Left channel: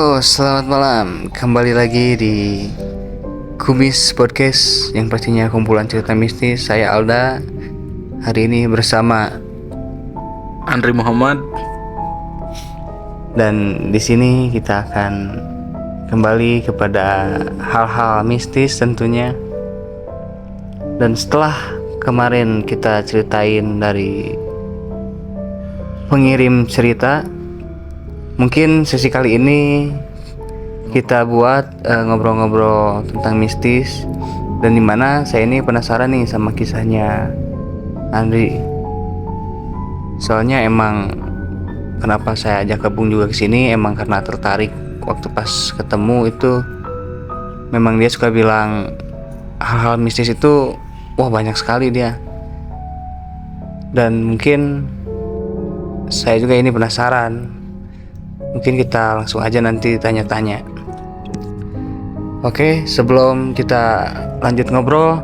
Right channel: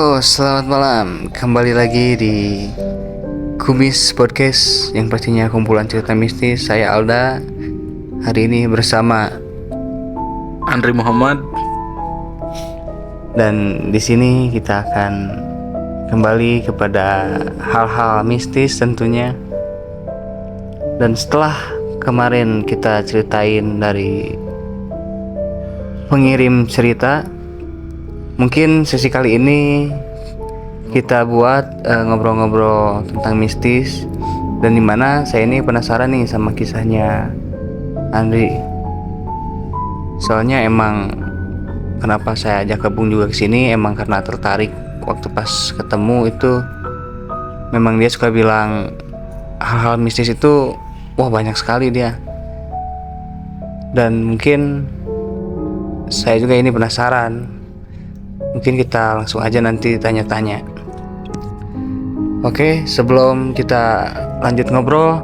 Selamat malam. Kembali lagi di Kumis Podcast yang pastinya kumpulan cerita mistis. Saya Alda. Hari ini bersama Andri Muhammad. Dan di sini kita akan kembali kepada hal-hal mistis tentunya. Dan setelah kemarin kita ceritain dari pengirim cerita, mungkin sesi kali ini kita buat ngobrol-ngobrol tentang mistis, dan dimana saya ini penasaran nih sama kisahnya Andri. Soalnya emang kenapa saya ajak gabung juga ke sini emang karena tertarik. Waktu pas ketemu itu memang dia suka bilang hal-hal mistis itu wah banyak sekali dia. Dan mungkin saya juga ini penasaran. Mungkin kita langsung aja nanti tanya-tanya. Oke, sebelum kita lanjut ngobrol,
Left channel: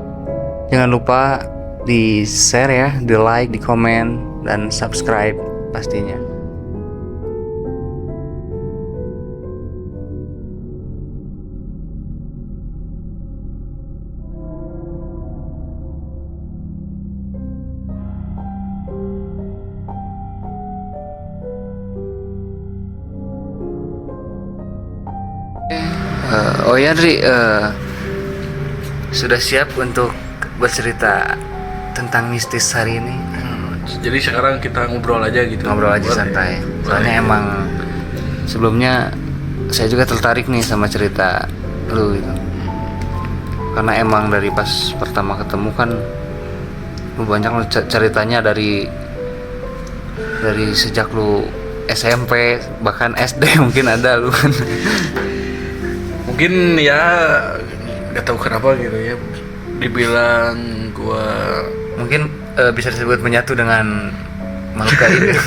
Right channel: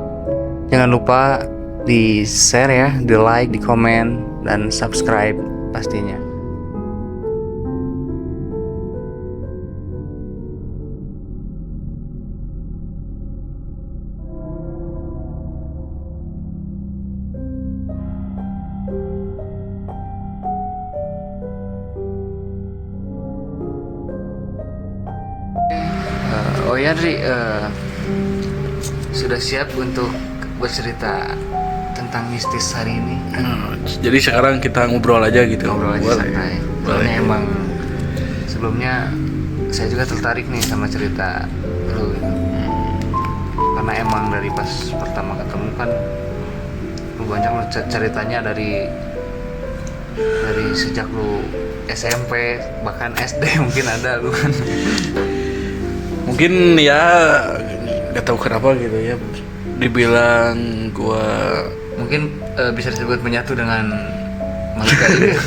jangan lupa di share ya, di like, di komen, dan subscribe pastinya. Oh ya Andri, sudah siap untuk bercerita tentang mistis hari ini? Jadi sekarang kita ngobrol aja gitu. Ngobrol aja santai. Soalnya emang sebelumnya saya juga tertarik nih sama cerita lu gitu. Karena emang dari pas pertama ketemu kan lu banyak lu ceritanya dari sejak lu SMP bahkan SD mungkin ada lu. Mungkin ya nggak tahu kenapa gitu ya, dibilang gua Mungkin bisa disebut menyatu dengan makhluk gaib.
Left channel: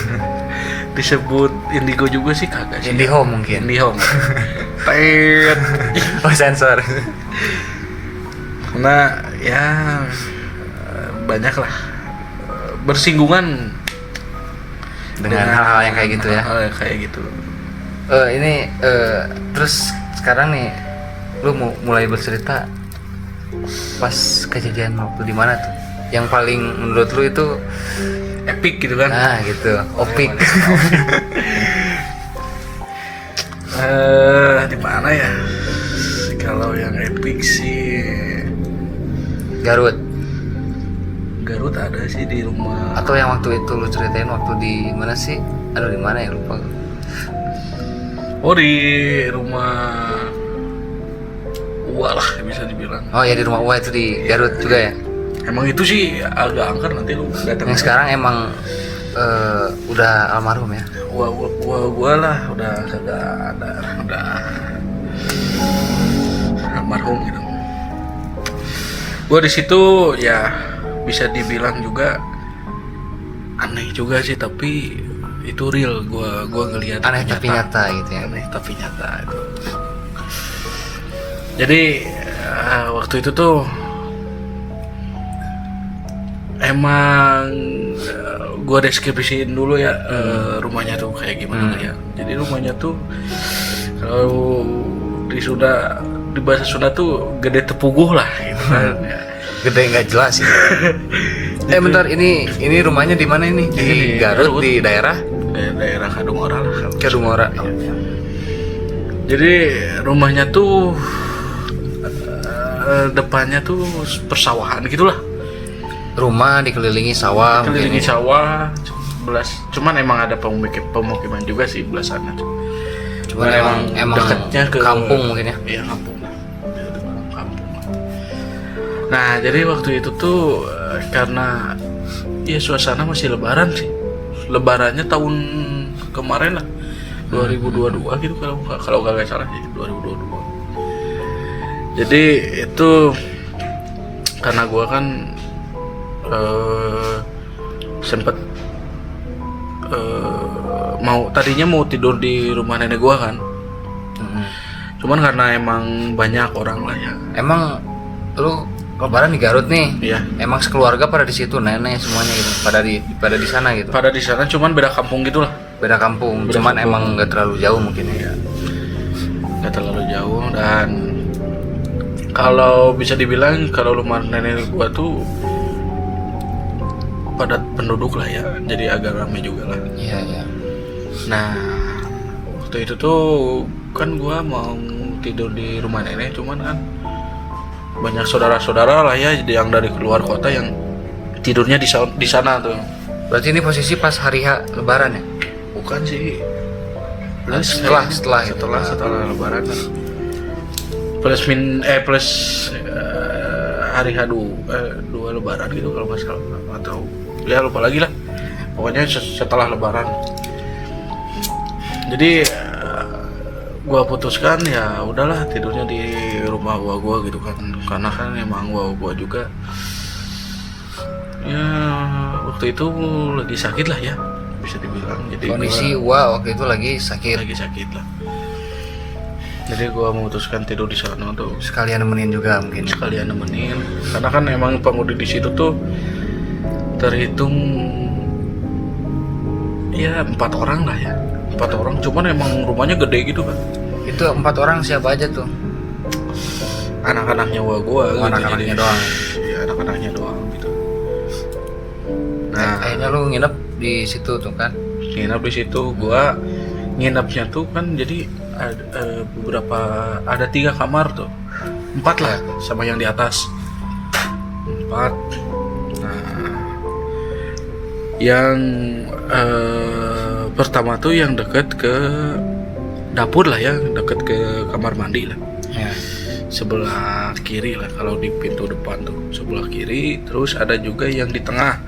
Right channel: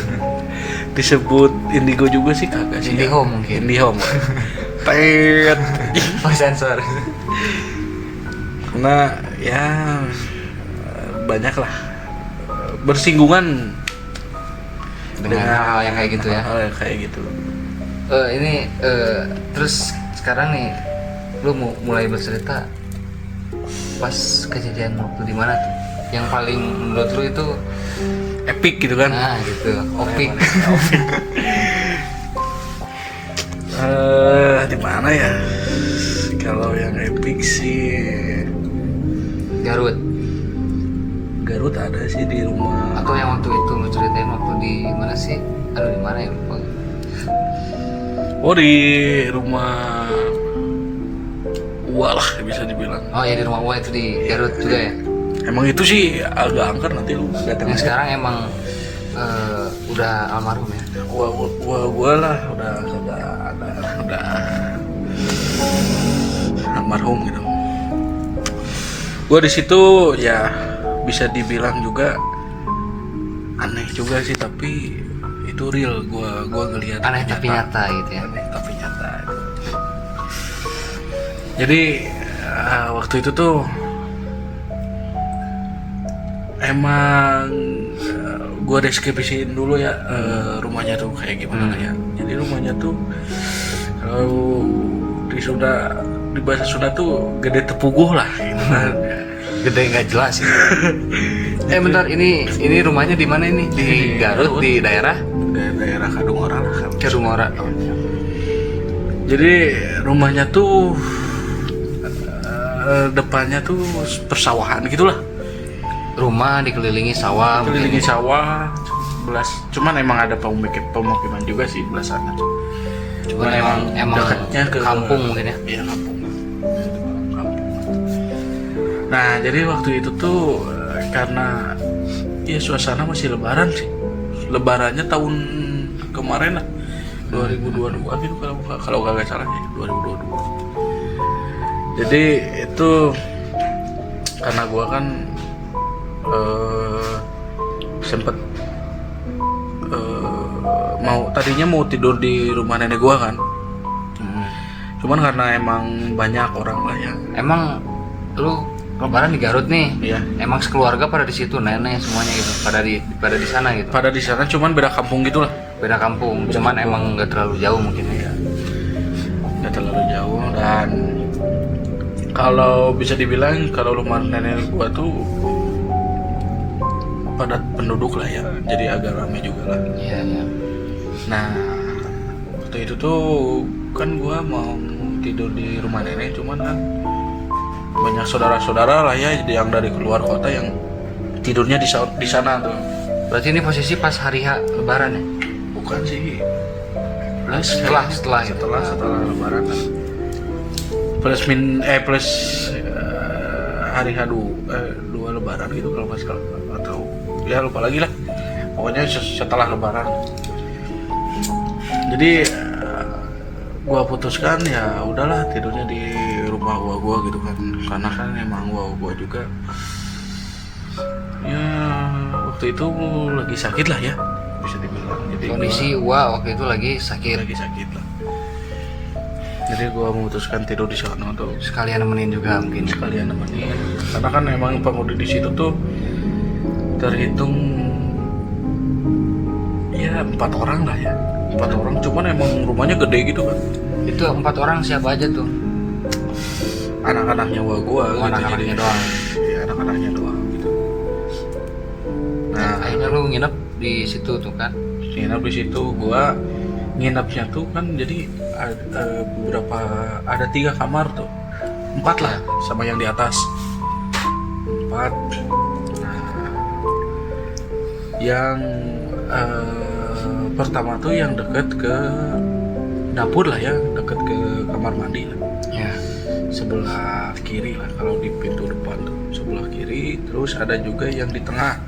disebut indigo juga sih kagak sih. Indihome mungkin. Indihome. Tet. Oh sensor. Karena ya banyak lah bersinggungan dengan hal-hal yang kayak gitu ya. Hal yang kayak gitu. Ini terus sekarang nih lu mulai bercerita pas kejadian waktu di mana tuh? Yang paling menurut lu itu Epic gitu kan? nah gitu, opik. Di mana ya? Kalau yang epic sih Garut. Garut ada sih di rumah. Atau yang waktu itu lu ceritain waktu di mana sih? Aduh di mana ya lupa. Oh di rumah Uwa lah bisa dibilang. Oh ya di rumah Uwa itu di Garut juga ya. Emang itu sih agak angker, nanti lu datang. Yang sekarang emang udah almarhum ya. Gua lah udah kagak ada, udah almarhum gitu. Gua di situ ya bisa dibilang juga aneh juga sih, tapi itu real. Gua ngelihat Aneh tapi nyata gitu ya. aneh tapi nyata itu. Jadi waktu itu tuh emang gue deskripsiin dulu ya rumahnya tuh kayak gimana ya. Jadi rumahnya tuh kalau di bahasa Sunda tuh gede tepuguh lah gitu kan. Gede nggak jelas ini. Bentar, ini rumahnya di mana ini? Di Garut, di daerah daerah Kadungora lah. Kadungora. Oh. Jadi rumahnya tuh depannya tuh persawahan gitulah. Rumah dikelilingi sawah. Dikelilingi sawah. Cuman emang ada pemukiman juga sih belah sana. Cuman emang dekatnya ke kampung mungkin ya. Iya kampung lah. Bisa dibilang kampung. Nah jadi waktu itu tuh karena ya suasana masih lebaran sih. Lebarannya tahun kemarin lah, 2022 gitu kalau kagak salah sih 2022. Jadi itu karena gua kan sempet tadinya mau tidur di rumah nenek gua kan. Cuman karena emang banyak orang lah ya. Emang lu Lebaran di Garut nih. Iya. Emang sekeluarga pada di situ, nenek semuanya gitu. Pada di sana gitu. Pada di sana cuman beda kampung gitulah. Beda kampung, cuman emang nggak terlalu jauh mungkin ya. nggak terlalu jauh. Dan kalau bisa dibilang kalau rumah nenek gua tuh padat penduduk lah ya, jadi agak ramai juga lah. Iya, iya. Nah, waktu itu tuh kan gua mau tidur di rumah nenek, cuman kan banyak saudara-saudara lah ya yang dari keluar kota yang tidurnya di sana tuh. Berarti ini posisi pas hari H Lebaran ya? Bukan sih. Setelah Lebaran kan. Plus hari H dua Lebaran gitu kalau nggak salah, atau ya lupa lagi lah. Pokoknya setelah Lebaran. Jadi gua putuskan ya udahlah tidurnya di rumah gua gitu kan, karena kan emang gua juga ya waktu itu lagi sakit lah ya, bisa dibilang. Jadi Kondisi waktu itu lagi sakit. lah. Jadi gua memutuskan tidur di sana tuh, Sekalian nemenin juga mungkin. sekalian nemenin, karena kan emang penghuni di situ tuh terhitung ya 4 orang lah ya, 4 orang. Cuman emang rumahnya gede gitu kan. Itu 4 orang siapa aja tuh? Anak-anaknya gua gitu. Anak-anaknya doang. Iya, anak-anaknya doang gitu. Nah, Akhirnya lu nginep di situ tuh kan? nginep di situ. Gua nginepnya tuh kan jadi ada 3 kamar tuh, 4 lah sama yang di atas, 4. Nah, yang pertama tuh yang deket ke dapur lah ya, deket ke kamar mandi lah, Ya. sebelah kiri lah kalau di pintu depan tuh, sebelah kiri. Terus ada juga yang di tengah,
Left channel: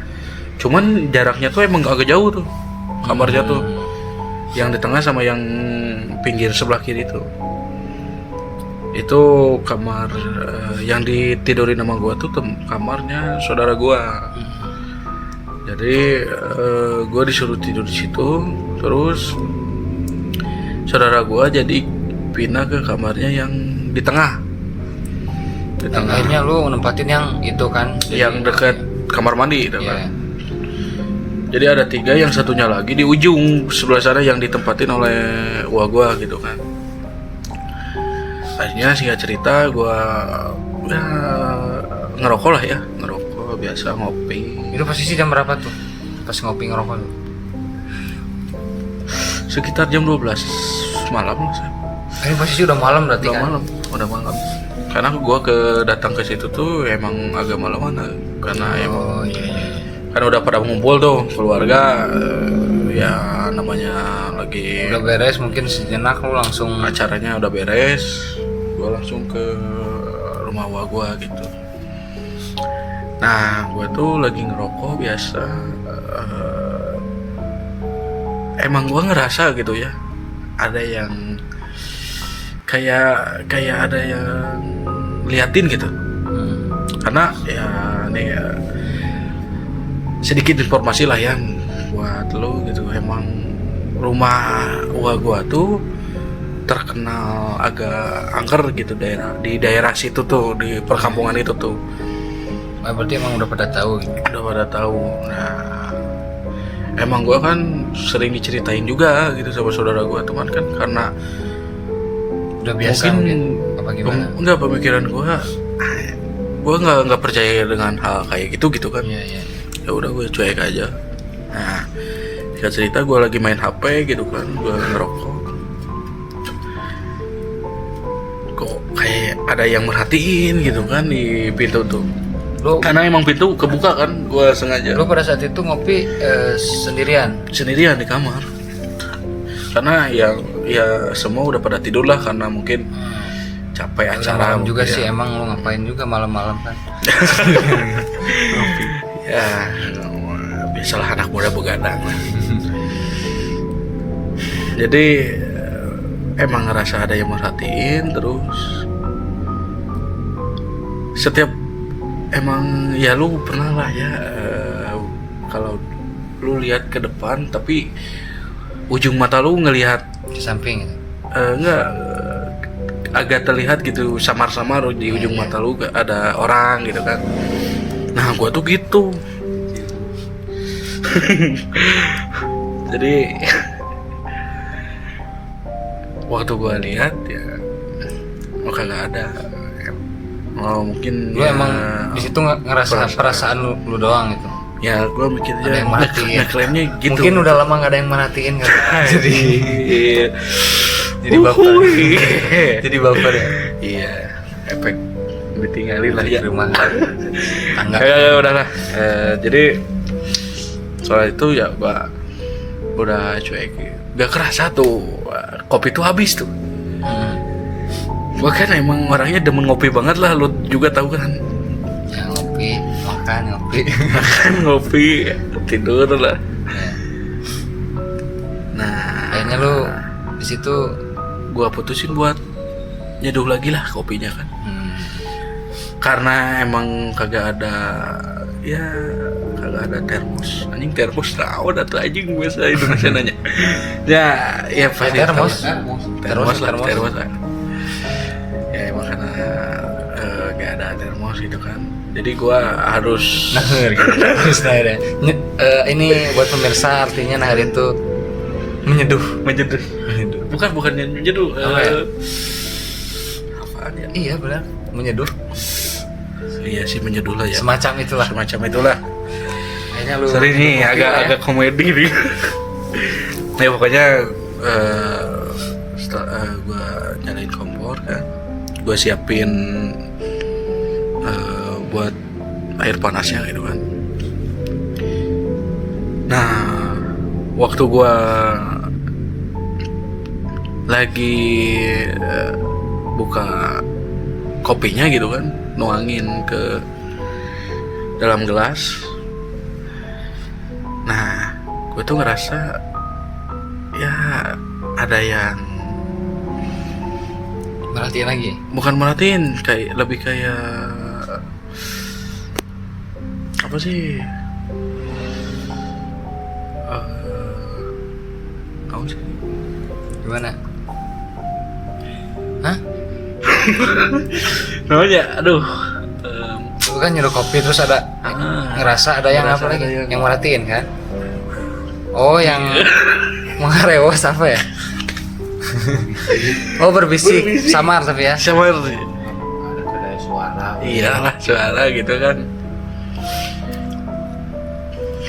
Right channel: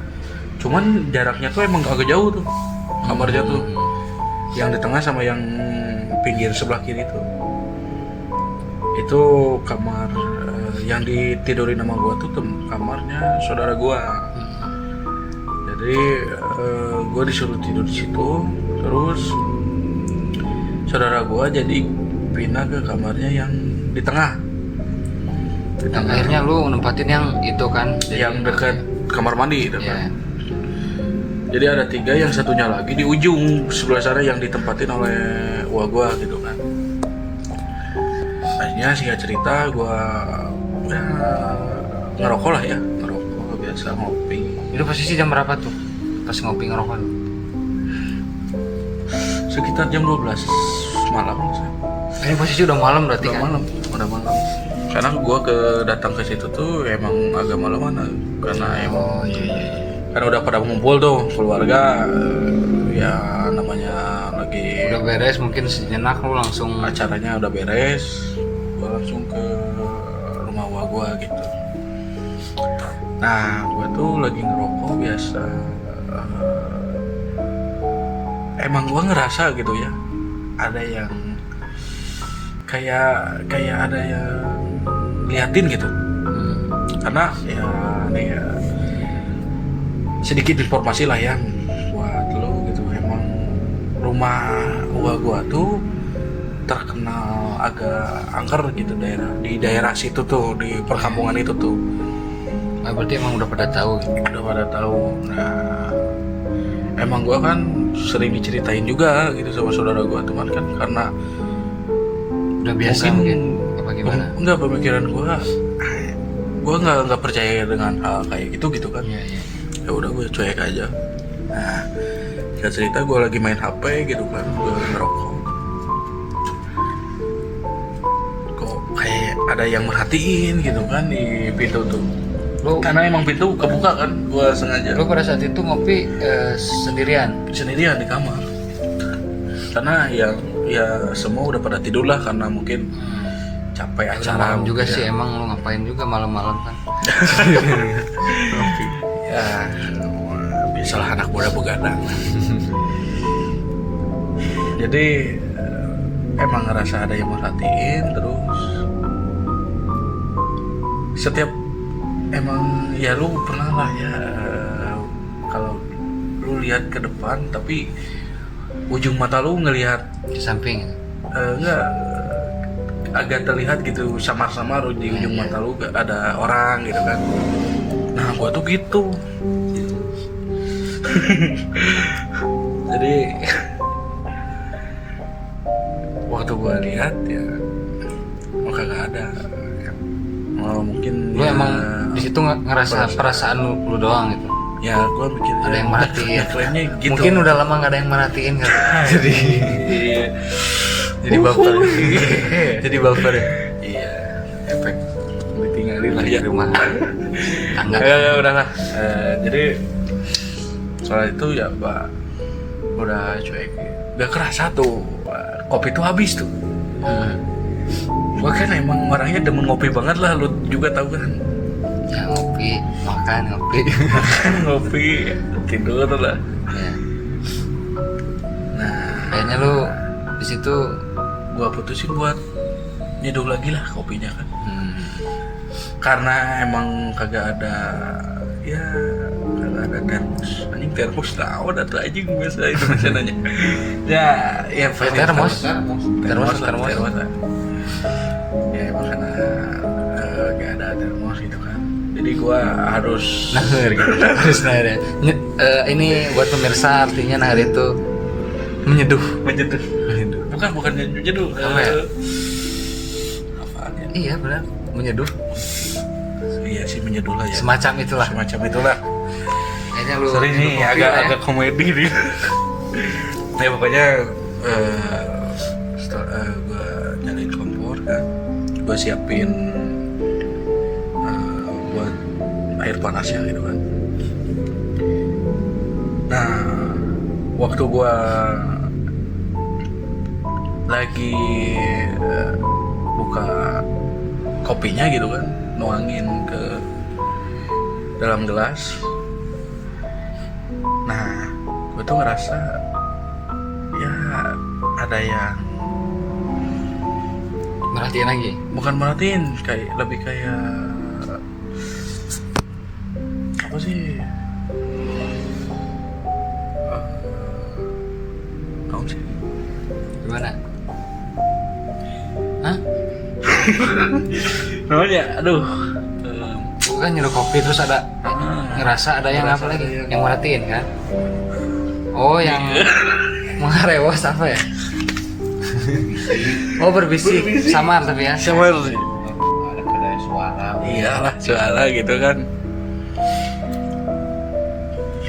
cuman jaraknya tuh emang agak jauh tuh kamarnya tuh, yang di tengah sama yang pinggir sebelah kiri tuh. Itu kamar yang ditidurin sama gua tuh kamarnya saudara gua. Jadi gua disuruh tidur di situ, terus saudara gua jadi pindah ke kamarnya yang di tengah. Akhirnya lu nempatin yang itu kan? Yang dekat kamar mandi itu Iya. kan. Jadi ada 3, yang satunya lagi di ujung sebelah sana yang ditempatin oleh gua gitu kan. Akhirnya singkat cerita gua ya ngerokok lah ya, ngerokok biasa, ngopi. Itu posisi jam berapa tuh? Pas ngopi ngerokok tuh? Sekitar jam 12 malam lah saya. Ini posisi udah malam berarti kan? Udah malam. Karena gua datang ke situ tuh emang agak malaman, karena emang Oh iya iya. kan udah pada ngumpul tuh keluarga, ya namanya lagi Udah beres mungkin sejenak lu langsung. acaranya udah beres, gua langsung ke rumah gua gitu. Nah, gua tuh lagi ngerokok biasa. Emang gua ngerasa gitu ya, ada yang kayak ada yang liatin gitu. Karena ya nih ya, sedikit informasi lah ya buat lo gitu. Emang rumah gua tuh terkenal agak angker gitu, di daerah situ tuh, di perkampungan itu tuh. Ah, berarti emang udah pada tahu gitu. Udah pada tahu. Nah, emang gua kan sering diceritain juga gitu sama saudara gua, teman kan, karena Udah biasa mungkin apa gimana? Enggak, pemikiran gua nggak percaya dengan hal kayak gitu kan. Iya iya. Ya udah gue cuek aja. Nah, singkat cerita gue lagi main HP gitu kan, gue ngerokok. Kok kayak ada yang merhatiin gitu kan di pintu tuh. Karena emang pintu kebuka kan, gue sengaja. Lu pada saat itu ngopi sendirian? Sendirian di kamar. Karena yang ya semua udah pada tidur lah, karena mungkin capek Udah acara malam juga ya. sih, emang lu ngapain juga malam-malam kan? Ngopi. Ya, biasalah anak muda begadang. Jadi emang ngerasa ada yang merhatiin, terus setiap emang ya lu pernah lah ya, kalau lu lihat ke depan tapi ujung mata lu ngelihat Di samping gitu. enggak, agak terlihat gitu samar-samar di ujung mata lu ada orang gitu kan. Nah, gua tuh gitu. Jadi waktu gua lihat ya kagak ada. Oh, mungkin Lu emang di situ ngerasa perasaan lu doang gitu. ya gue mikir Ada yang merhatiin. klaimnya gitu. Mungkin udah lama nggak ada yang merhatiin kan. jadi Iya. baper. jadi baper ya. Iya, efek ditinggalin lah Di ya. rumah tangga. Kagak udahlah. Jadi soal itu ya gua udah cuek. Gak kerasa tuh kopi tuh habis tuh. Gua kan emang orangnya demen ngopi banget lah, lu juga tahu kan. Ya ngopi, makan ngopi. Makan ngopi, tidur lah. Ya. Nah, Akhirnya lu di situ gua putusin buat nyeduh lagi lah kopinya kan. Karena emang kagak ada termos. Anjing termos naon atuh anjing biasa Indonesia nanya. Ya pasti termos. Termos Termos. lah. Ya emang karena gak ada termos gitu kan. Jadi gua harus nahar gitu. Harus nahar ya. Ini buat pemirsa artinya nahar itu menyeduh. menyeduh. Bukan nyeduh. Apa ya? Apaan ya? Iya benar, menyeduh. Iya sih menyeduh lah ya. Semacam itulah. Semacam itulah. Kayaknya lu Sorry nih nyeduh kopi lah ya. agak komedi nih. Ya pokoknya gue nyalain kompor kan, gue siapin buat air panasnya gitu kan. Nah waktu gue lagi buka kopinya gitu kan, nuangin ke dalam gelas. Nah, gue tuh ngerasa ya ada yang Merhatiin lagi. bukan merhatiin, kayak lebih kayak apa sih? Tahu sih? Gimana? Hah? Namanya, aduh. Lu kan nyeduh kopi terus ada ngerasa ada yang ngerasa apa lagi? ada yang- Yang merhatiin kan? Oh, yang mengarewos apa ya? Oh, berbisik. Samar tapi ya. Sama sih. Ada suara. Iyalah suara gitu kan.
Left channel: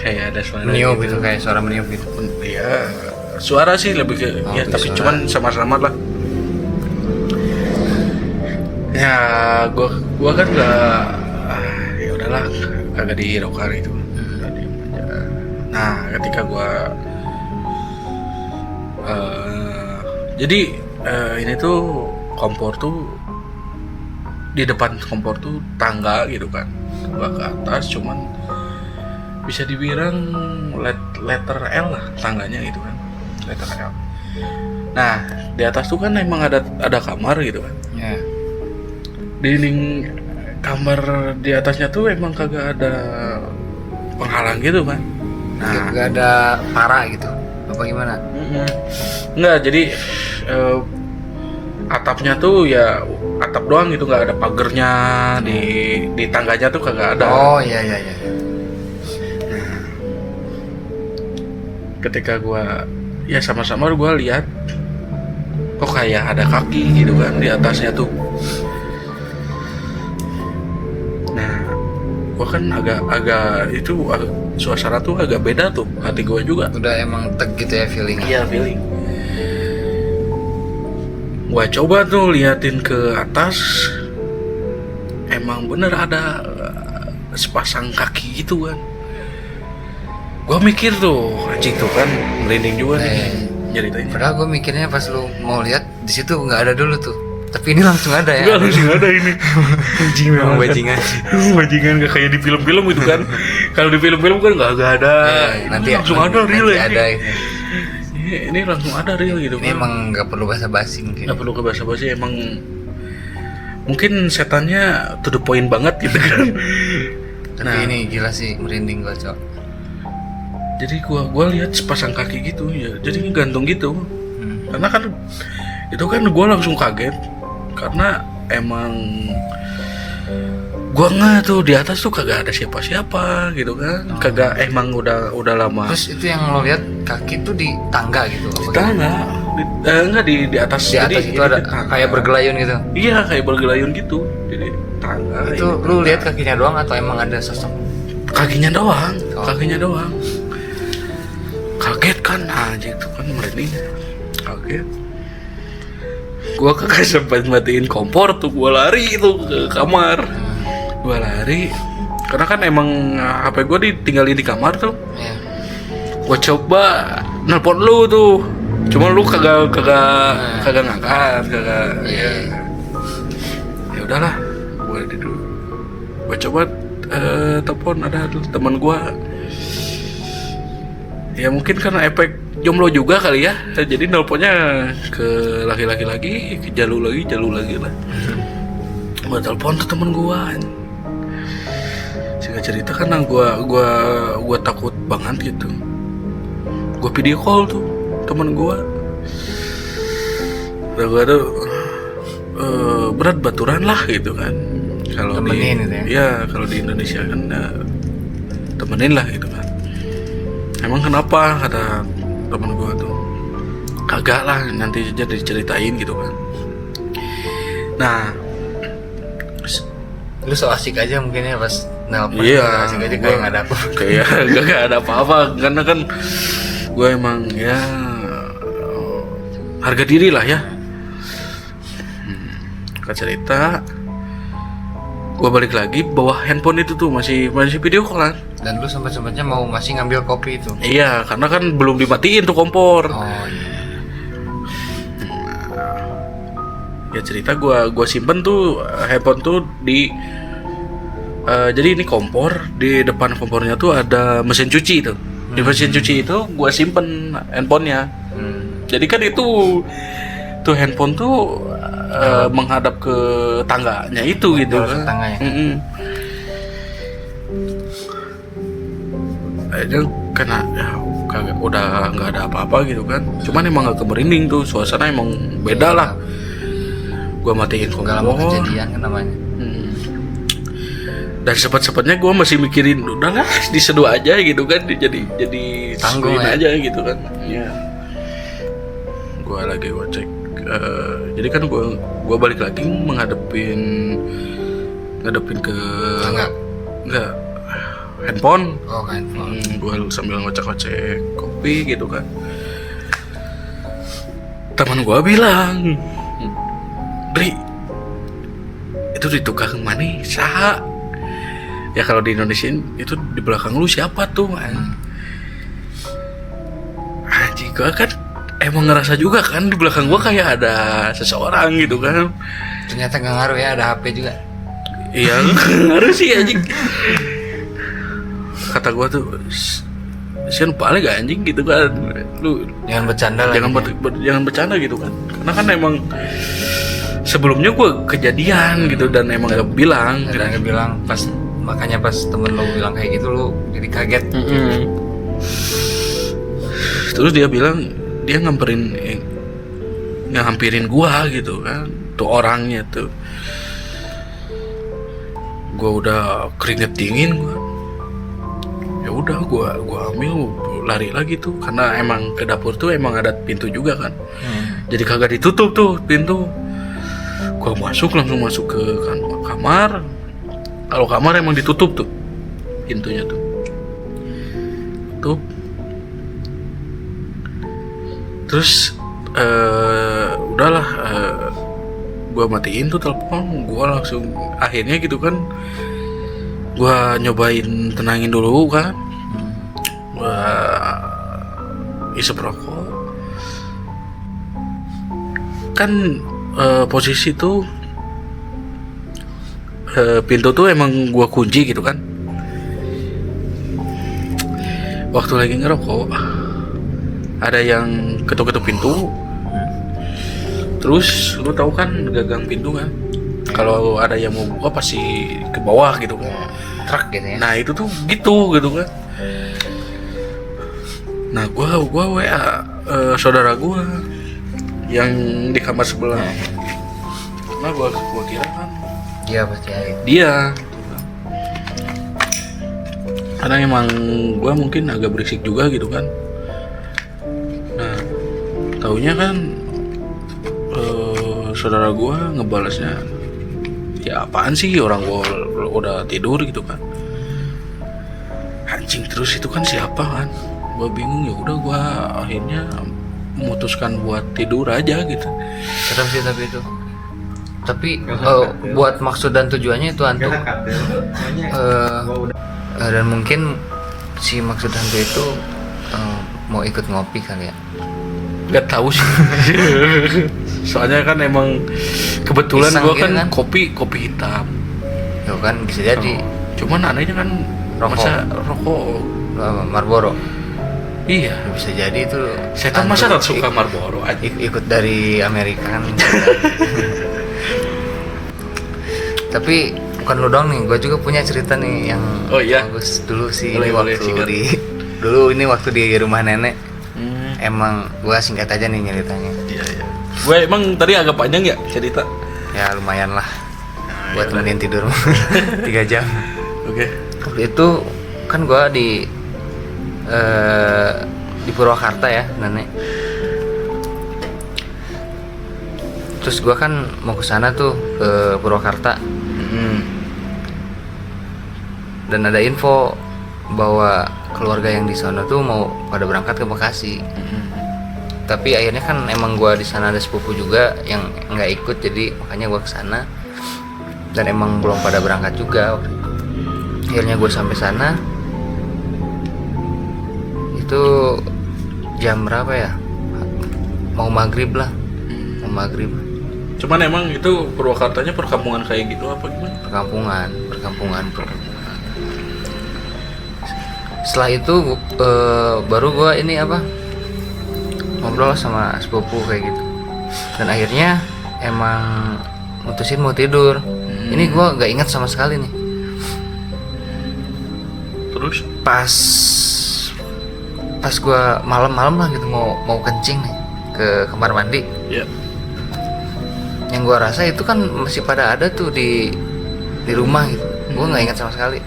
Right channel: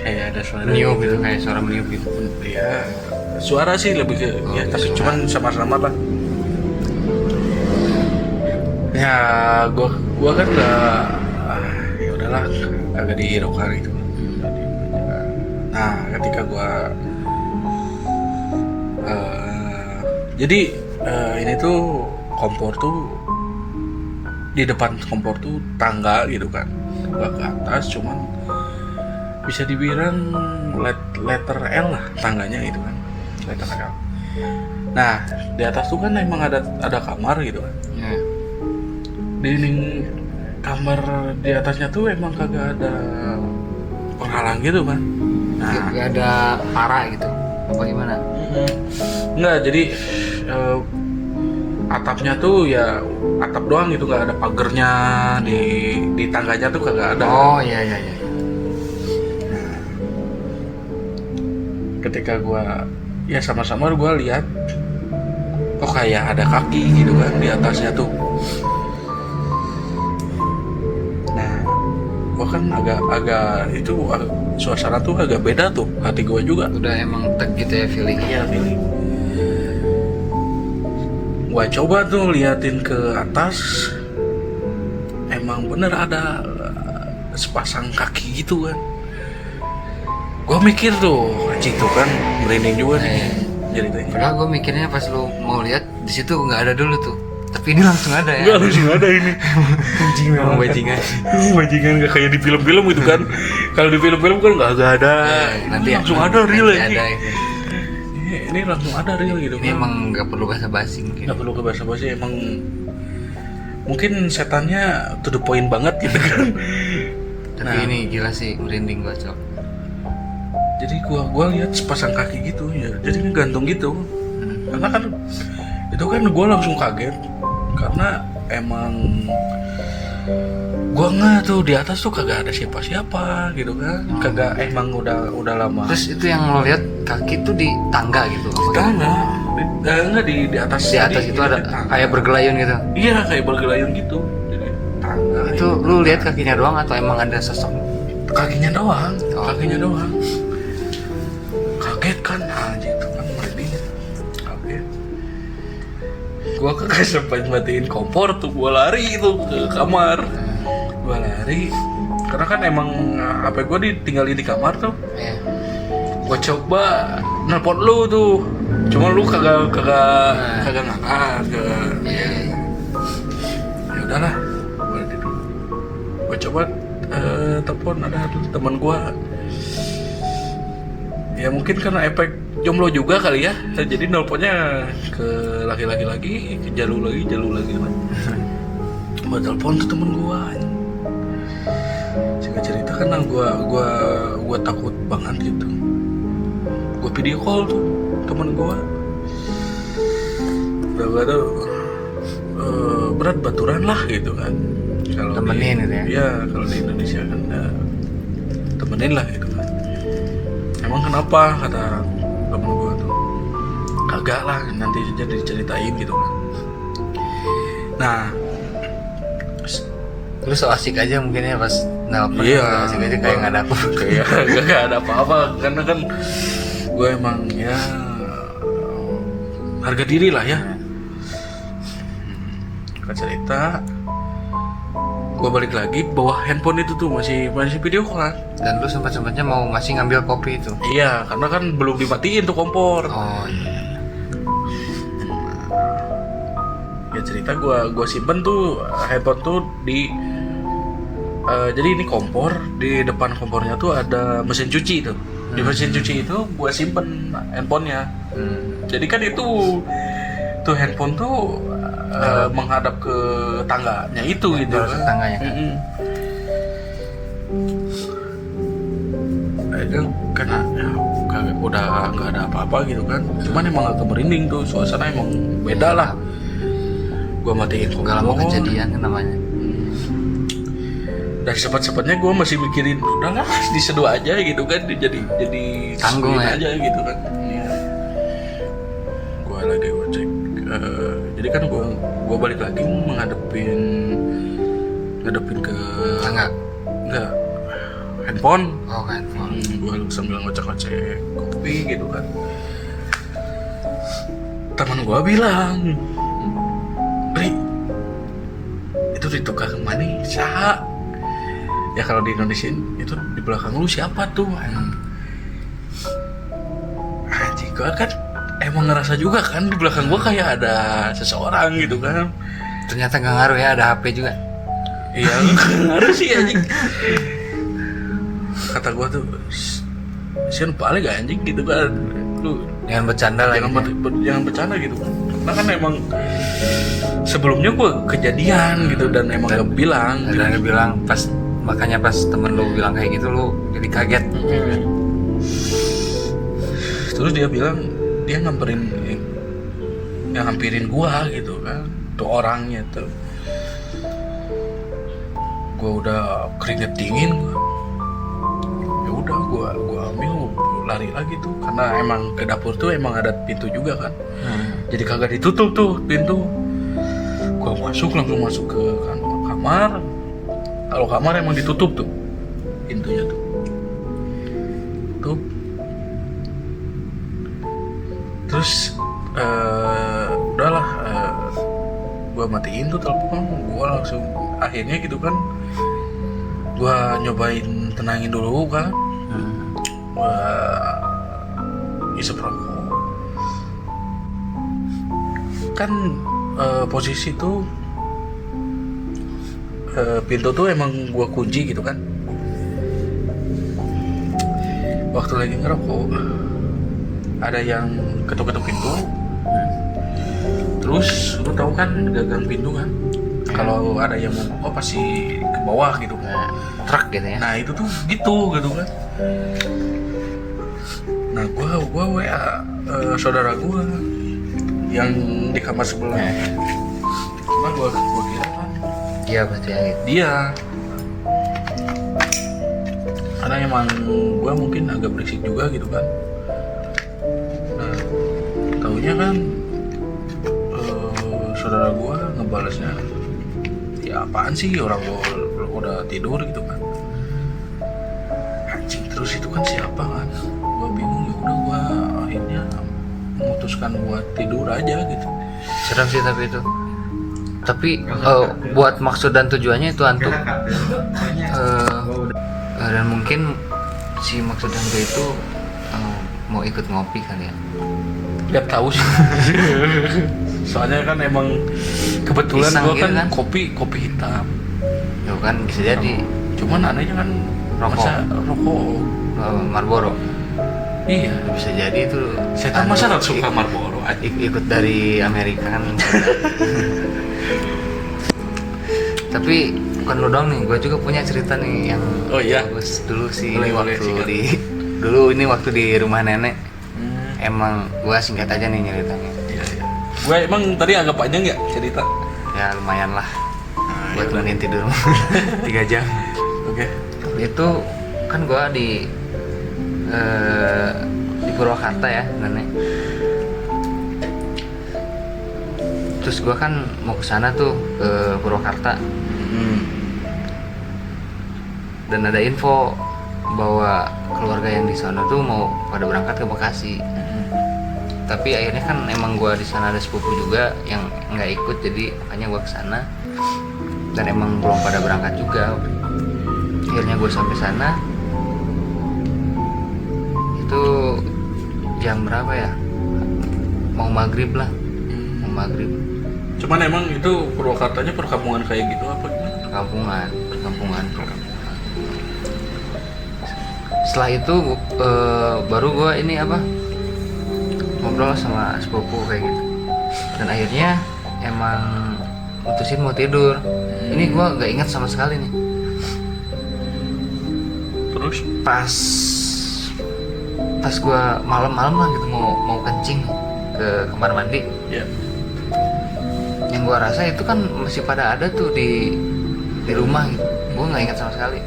Kayak ada suara Meniup gitu, kayak suara meniup gitu. Ya suara sih lebih ke Oh, ya, tapi suara. cuman samar-samar lah. Ya gua kan nggak ya udahlah kagak dihiraukan gitu kan. Udah diem aja. Nah ketika gua jadi ini tuh kompor tuh di depan kompor tuh tangga gitu kan, tangga ke atas, cuman bisa dibilang letter L lah tangganya gitu kan, letter L. Nah di atas tuh kan emang ada kamar gitu kan. Ya. Dinding kamar di atasnya tuh emang kagak ada penghalang gitu kan. Nah Gak ada para gitu. Apa gimana? enggak, jadi atapnya tuh ya atap doang gitu, nggak ada pagernya. Di tangganya tuh kagak ada. Oh, iya. Ketika gua ya sama-sama gua lihat kok kayak ada kaki gitu kan di atasnya tuh. Nah gua kan agak suasana tuh agak beda tuh, hati gua juga. Udah emang teg gitu ya feeling. Iya feeling. Gua coba tuh liatin ke atas, emang bener ada sepasang kaki gitu kan. Gua mikir tuh, anjing tuh kan merinding juga nih ceritanya. Padahal gue mikirnya pas lu mau lihat di situ nggak ada dulu tuh. Tapi ini langsung ada ya. Enggak langsung ada ini. Anjing Memang bajingan. Bajingan gak kayak di film-film gitu kan. Kalau di film-film kan nggak ada. Nanti Ini langsung ada real ya. Ada gitu. Ini langsung ada real gitu Ini kan. emang nggak perlu basa-basi mungkin. Nggak perlu ke basa-basi, emang mungkin setannya to the point banget gitu kan. Tapi ini gila sih, merinding gue cok. Jadi gua lihat sepasang kaki gitu ya, jadi gantung gitu. Karena kan itu kan gua langsung kaget karena emang gua nggak tuh di atas tuh kagak ada siapa-siapa gitu kan. Kagak, emang udah lama. Terus itu yang lo lihat kaki tuh di tangga gitu. Apa Tangga. gitu? enggak di atas. Di atas Jadi itu ada kayak bergelayun gitu. Iya, kayak bergelayun gitu. Jadi tangga. Itu lu lihat kakinya doang atau emang ada sosok? Kakinya doang, Oh. kakinya doang. Kaget kan, aja itu kan merinding. Kaget. Gua kagak sempat matiin kompor tuh, gua lari itu ke kamar. Gua lari, karena kan emang HP gua ditinggalin di kamar tuh. Iya. Gua coba nelpon lu tuh, cuma lu kagak ngangkat, kagak. Iya. Ya udahlah, gua coba telepon ada teman gua. Ya mungkin karena efek jomblo juga kali ya, jadi nelponnya ke laki-laki lagi, ke jalu lagi lah. Gua telepon tuh temen gua. Singkat cerita kan gua takut banget gitu. Gua video call tuh temen gua. Udah gua tuh berat baturan lah gitu kan. Kalau Temenin gitu ya? Iya, kalau di Indonesia kan temenin lah gitu kan. Emang kenapa, kata temen gue tuh, kagak lah, nanti aja diceritain gitu kan. Nah, Lu so asik aja mungkin ya pas nelpon. iya, So asik aja kayak nggak ada apa. kayak gak ada apa-apa, karena kan gue emang ya harga diri lah ya. Ke cerita, gue balik lagi bawa handphone itu tuh masih video call kan. Dan lu sempat-sempatnya mau masih ngambil kopi itu. Iya, karena kan belum dimatiin tuh kompor. Oh iya. Ya cerita gua simpen tuh handphone tuh di jadi ini kompor, di depan kompornya tuh ada mesin cuci tuh. Di mesin cuci itu gua simpen handphonenya. Jadi kan itu tuh handphone tuh menghadap ke tangganya itu gitu Jalur kan. tetangganya kan? Itu karena ya, kagak udah nggak ada apa-apa gitu kan. Cuman emang agak merinding tuh, suasana emang beda lah. Gua matiin kompor. Gak lama kejadian kan namanya. Dan sepet-sepetnya gue masih mikirin udahlah diseduh aja gitu kan, jadi Tanggung seduhin ya? aja gitu kan. Ya. Gue lagi cek. Jadi kan gue balik lagi ngadepin ke Tangga? enggak, handphone. Oh handphone. Gue sambil ngocek-ngocek kopi gitu kan. Teman gue bilang, Dri, itu di tukang mana saha? Ya kalau di Indonesia itu di belakang lu siapa tuh? Anjing, gue kan emang ngerasa juga kan di belakang gue kayak ada seseorang gitu kan. Ternyata nggak ngaruh ya, ada HP juga. Iya, ngaruh sih anjing. Kata gue tuh, sian paling gak anjing gitu kan. Lu Jangan bercanda lagi. jangan bercanda gitu kan. Karena kan emang sebelumnya gue kejadian gitu dan emang gak bilang. Dan dia bilang pas, makanya pas temen lu bilang kayak gitu lu jadi kaget. Terus dia bilang dia ngampirin gua gitu kan, tuh orangnya tuh. Gua udah keringet dingin gua. Ya udah gua ambil lari lagi tuh, karena emang ke dapur tuh emang ada pintu juga kan. Jadi kagak ditutup tuh pintu. Gua langsung masuk ke kamar. Kalau kamar emang ditutup tuh pintunya tuh. Tutup. Terus udahlah, gua matiin tuh telepon, gua langsung akhirnya gitu kan, gua nyobain tenangin dulu kan, gua isep rokok kan. Posisi tuh pintu tuh emang gua kunci gitu kan. Waktu lagi ngerokok ada yang ketuk-ketuk pintu. Terus lu tahu kan gagang pintu kan, kalau ada yang mau buka pasti ke bawah gitu kan. Truk gitu ya. Nah itu tuh gitu kan. Nah gua WA saudara gua yang di kamar sebelah. Cuma gua kira kan Dia pasti ada. dia, karena emang gua mungkin agak berisik juga gitu kan. Nah taunya kan saudara gue ngebalasnya ya apaan sih, orang gue udah tidur gitu kan. Anjing, terus itu kan siapa kan, gue bingung. Ya udah gue akhirnya memutuskan buat tidur aja gitu. Serem sih tapi itu. Tapi buat maksud dan tujuannya itu hantu. Dan mungkin si maksud hantu itu mau ikut ngopi kali ya. Gak tahu sih. Soalnya kan emang kebetulan Iseng gue gitu kan kan? kopi hitam. Yo kan bisa jadi Cuman anehnya kan Rokok. masa rokok. Marlboro. Iya. Bisa jadi itu Saya kan masa hantu suka Marlboro aja. ikut dari Amerika kan. Bisa jadi. Tapi bukan lo doang nih, gue juga punya cerita nih yang Oh, iya? bagus. Dulu sih Boleh, ini boleh, waktu sikat. ini waktu di rumah nenek. Emang gue singkat aja nih ceritanya. Iya. Gue emang tadi agak panjang ya cerita. Ya lumayan lah buat ya udah. temenin tidur 3 jam. Oke. Waktu itu kan gue di Purwakarta ya nenek. Terus gue kan mau ke sana tuh ke Purwakarta dan ada info bahwa keluarga yang di sana tuh mau pada berangkat ke Bekasi. Tapi akhirnya kan emang gue di sana ada sepupu juga yang nggak ikut, jadi makanya gue kesana dan emang belum pada berangkat juga. Akhirnya gue sampai sana itu jam berapa ya, mau maghrib lah, mau maghrib. Cuman emang itu Purwakartanya perkampungan kayak gitu apa gimana? perkampungan. Setelah itu baru gue ini ngobrol sama sepupu kayak gitu, dan akhirnya emang mutusin mau tidur. Ini gue nggak ingat sama sekali nih. Terus? Pas gue malam-malam lah gitu mau kencing nih ke kamar mandi. Ya. Yang gue rasa itu kan masih pada ada tuh di rumah gitu. Gue nggak ingat sama sekali.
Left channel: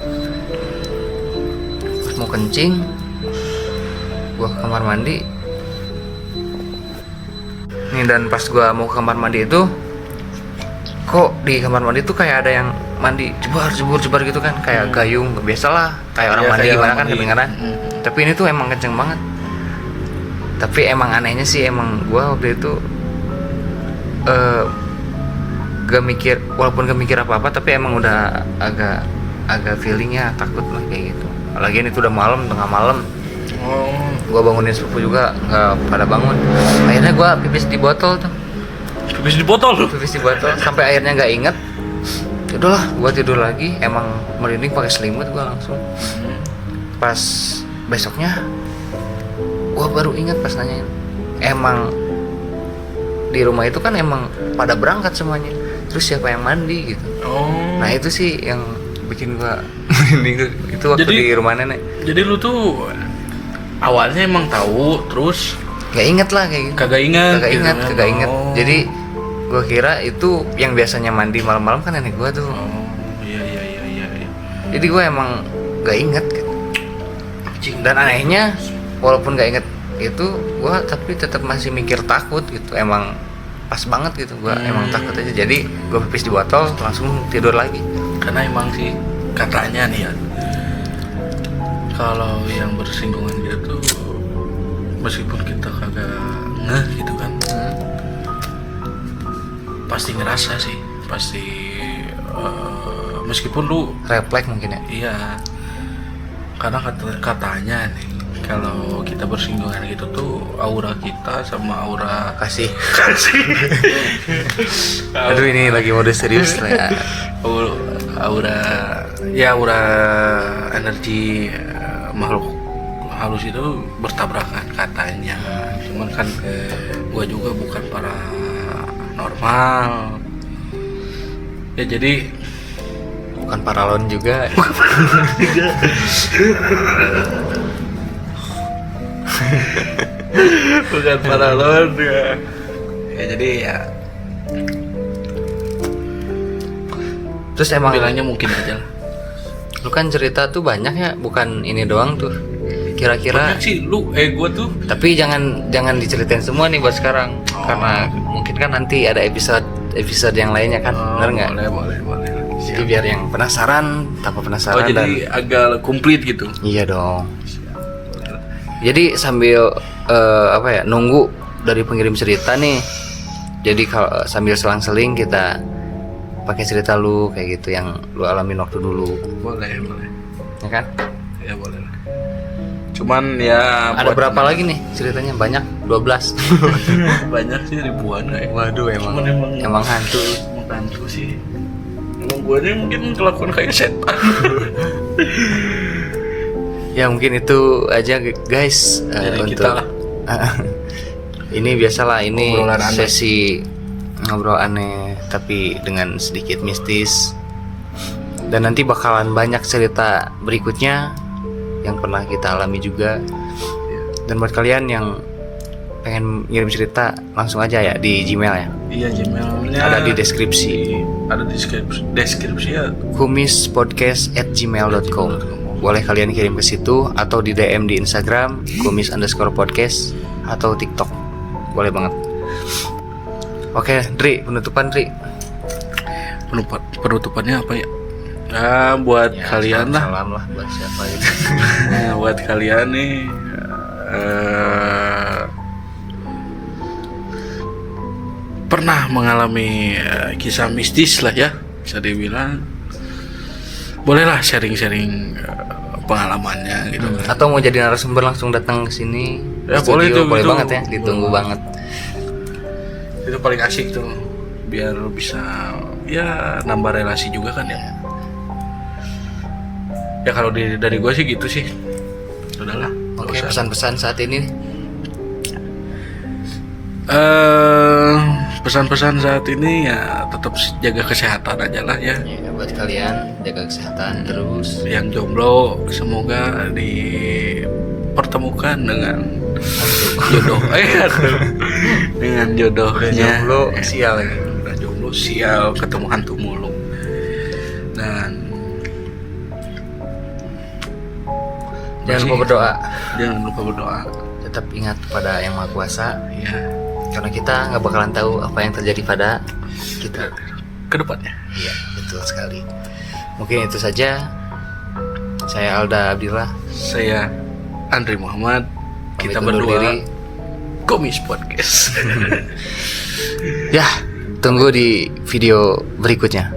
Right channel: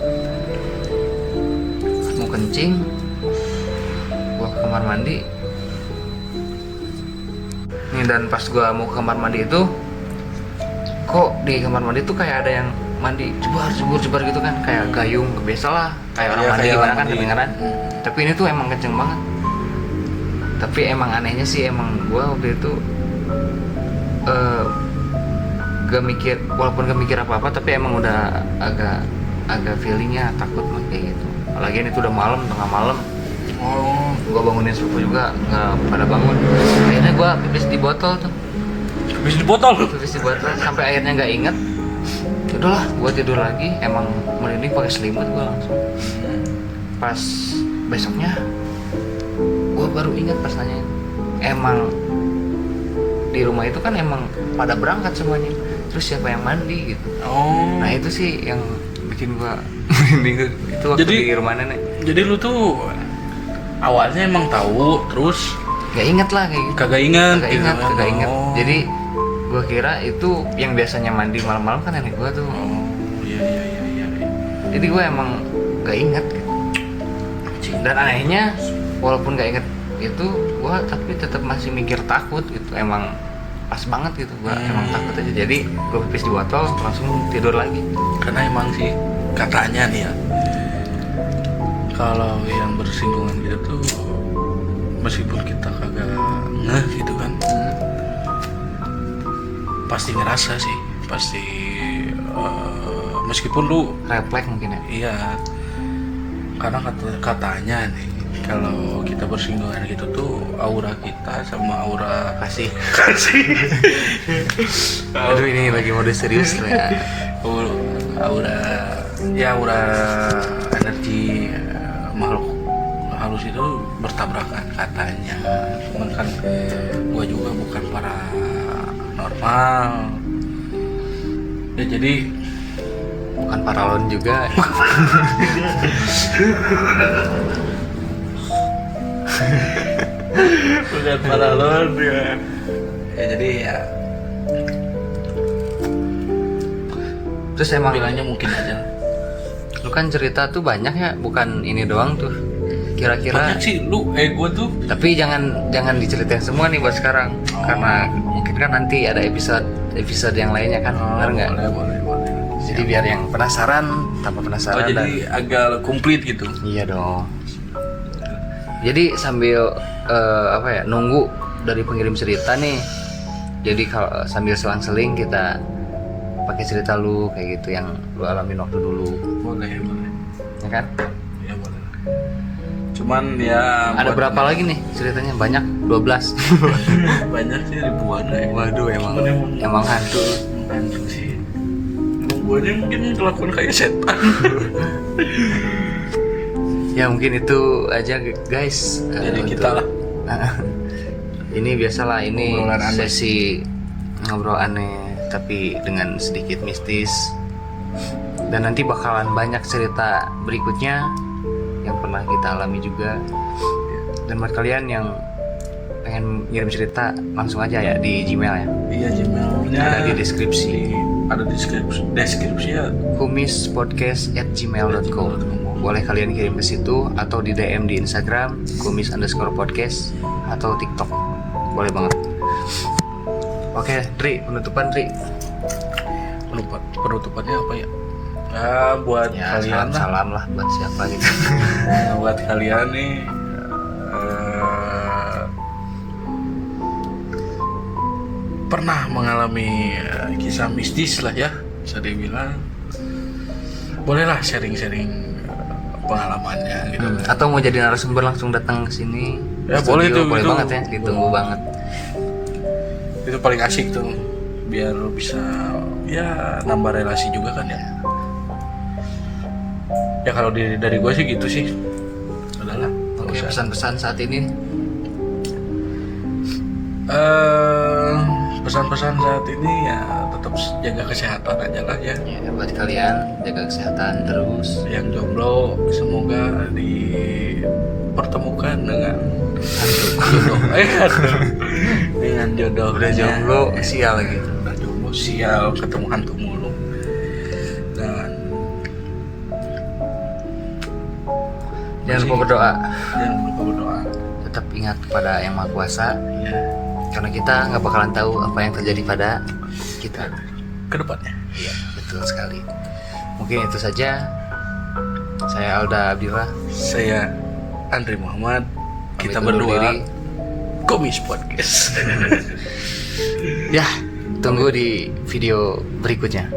Pas mau kencing, gue ke kamar mandi. Nih, dan pas gue mau ke kamar mandi itu, kok di kamar mandi tuh kayak ada yang mandi jebar gitu kan, kayak gayung. Biasalah kayak orang Iya, mandi kayak gimana orang kan mandi. kedengeran. Tapi ini tuh emang kenceng banget. Tapi emang anehnya sih, emang gue waktu itu gak mikir, walaupun gak mikir apa-apa, tapi emang udah agak feelingnya takut lah kayak gitu. Lagian itu udah malam, tengah malam. Oh, Gue bangunin sepupu juga nggak pada bangun. Akhirnya gue pipis di botol tuh, habis di botol lu. pipis di botol sampai akhirnya nggak inget. Udahlah, gue tidur lagi. Emang merinding pakai selimut gue langsung. Pas besoknya gue baru ingat pas nanyain, emang di rumah itu kan emang pada berangkat semuanya. Terus siapa yang mandi gitu. Oh. Nah itu sih yang bikin gue merinding itu waktu Jadi- di rumah nenek. Jadi lu tuh awalnya emang tahu, terus Nggak inget lah kayak gitu. kagak ingat gitu kan? Kagak inget. Oh. Jadi gue kira itu yang biasanya mandi malam-malam kan nenek gue tuh. Oh, iya. Jadi gue emang nggak inget gitu. Dan anehnya walaupun nggak inget itu, gue tapi tetap masih mikir takut gitu. Emang pas banget gitu, gue emang takut aja. Jadi gue pipis di botol langsung tidur lagi. Karena emang sih katanya nih ya, kalau yang bersinggungan gitu tuh meskipun kita kagak ngeh gitu kan, pasti ngerasa sih, pasti meskipun lu Refleks mungkin ya. iya, karena katanya nih kalau kita bersinggungan gitu tuh aura kita sama aura Kasih. Aduh, ini lagi mode serius lah ya. aura energi makhluk halus itu bertabrakan katanya. Cuman kan gua juga bukan paranormal ya, jadi Bukan paralon juga. bukan paralon ya. Jadi ya Terus emang bilangnya mungkin aja lah. lu kan cerita tuh banyak ya, bukan ini doang tuh. kira-kira. Banyak sih lu gue tuh. Tapi jangan diceritain semua nih buat sekarang, karena mungkin kan nanti ada episode yang lainnya kan, benar nggak? Boleh. Jadi biar yang penasaran tanpa penasaran. Jadi agak komplit gitu. Iya dong. Jadi sambil nunggu dari pengirim cerita nih. Jadi kalau sambil selang-seling kita pakai cerita lu kayak gitu yang lu alamin waktu dulu. Boleh. Ya kan? Ya boleh. Cuman ya Ada berapa lagi nih ceritanya? Banyak, 12. banyak sih, ribuan ya. Waduh, emang hantu. Emang hantu sih. Emang gue aja mungkin kelakuan kayak setan. Ya mungkin itu aja guys. Dari kita lah. Ini biasalah, ini Obrolan aneh. sesi ngobrol aneh tapi dengan sedikit mistis. Dan nanti bakalan banyak cerita berikutnya yang pernah kita alami juga. Dan buat kalian yang pengen ngirim cerita langsung aja ya di Gmail ya. Iya, Gmailnya Ada di deskripsi. Ada deskripsi ya. kumispodcast@gmail.com. Boleh kalian kirim ke situ atau di DM di Instagram kumis_podcast atau TikTok. Boleh banget. Oke, Dri, penutupan Dri. Penutupannya apa ya? Buat Ya, kalian lah. salam lah buat siapa gitu. Nah, buat kalian nih pernah mengalami kisah mistis lah ya, bisa dibilang, bolehlah sharing-sharing pengalamannya gitu. Atau mau jadi narasumber langsung datang ke sini. Ya, Studio, boleh tuh, boleh itu banget ya, ditunggu banget. Itu paling asik tuh, biar bisa ya nambah relasi juga kan ya. Ya kalau dari gue sih gitu sih. Udahlah. Oke, pesan-pesan saat ini. Pesan-pesan saat ini ya tetap jaga kesehatan aja lah ya. Ya, buat kalian jaga kesehatan terus. Yang jomblo semoga dipertemukan dengan Hantu. jodoh. Dengan jodohnya. Udah jomblo sial lagi. Udah jomblo sial, ketemu hantu mulu. Dan Jangan lupa berdoa. jangan lupa berdoa. Tetap ingat pada Yang Maha Kuasa. Ya, Karena kita nggak bakalan tahu apa yang terjadi pada kita. ke depannya. Iya, betul sekali. Mungkin itu saja. Saya Alda Abdillah. Saya Andri Muhammad. Kita Pamit undur berdua diri. Komis Podcast. Ya, tunggu di video berikutnya.